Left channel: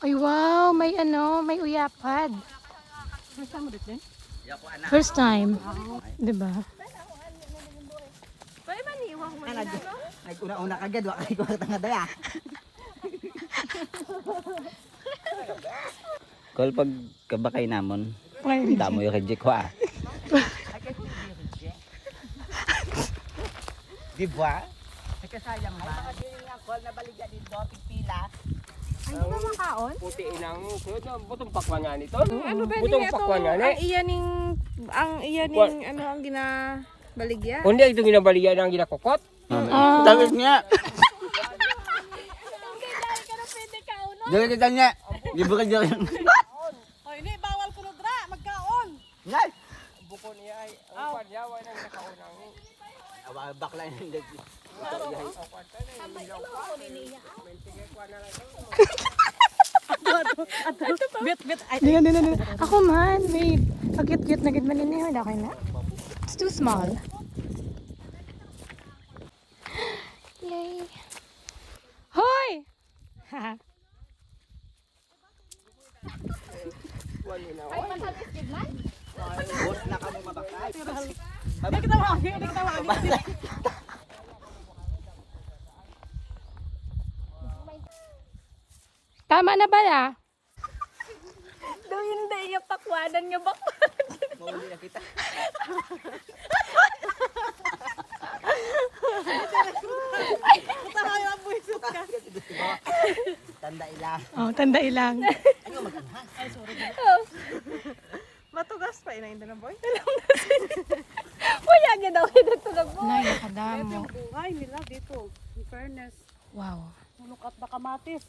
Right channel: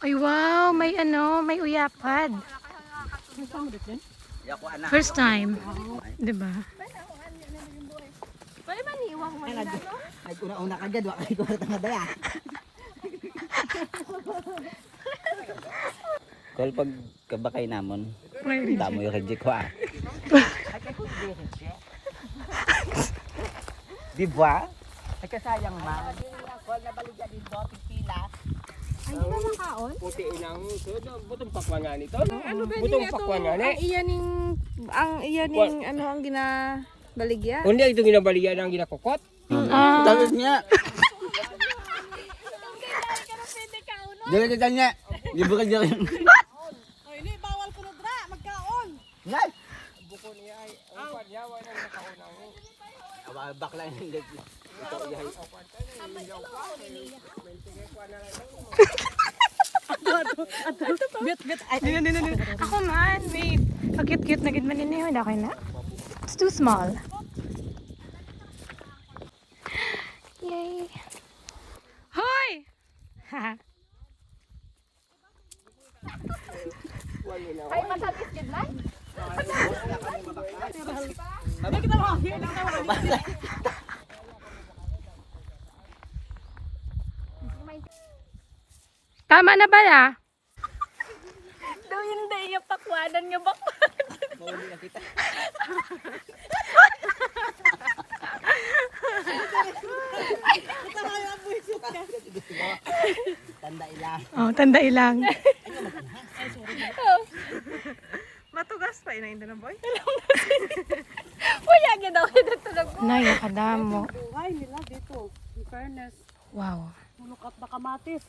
Ay wow, may ano, may uyapad. First time. Diba? Pwede ba niiwan mo nila, no? Nag-una-una kagad, wala kayo kwarta nga daya. Kal pag kabakay namon, damo yung reject ko ah. Di ba? Ay sayang ba? Ay yung nga call na baliga din do, pila. Ay, di ba makaon? Puti inang butong pakwan nga nito. Ano ba Butong niya ito? pakwan nga ni. Ang iyaning, ano ang ginabaligya? Kundi ito ginabalian ang ginakukot. Tawid niya. Dali kita niya. Libo ka dyan. Ay, hindi, bawal ko na dra, magkaon. Nay! Buko niya ay ang panyawa na nakaunang. Bakla yung leg. Bit. Dino. Ako man, wait. Cute-cute na gid man ini, wala kay na. It's too small. Yay. Hoy! Ha. Boss na kami mabakay. Tama na ba ya? Daw hindi yung pakwanan nga ba? Mauli na kita. Tama yung buwisot ka. Tanda ilang. Oh, tanda ilang. Ano mag-anhang? Matugas pa ina hindi na boy. Puyag daw ito tulog. Nay, kadamo. Buhay nila dito. In fairness, Wow. lukat na kamatis.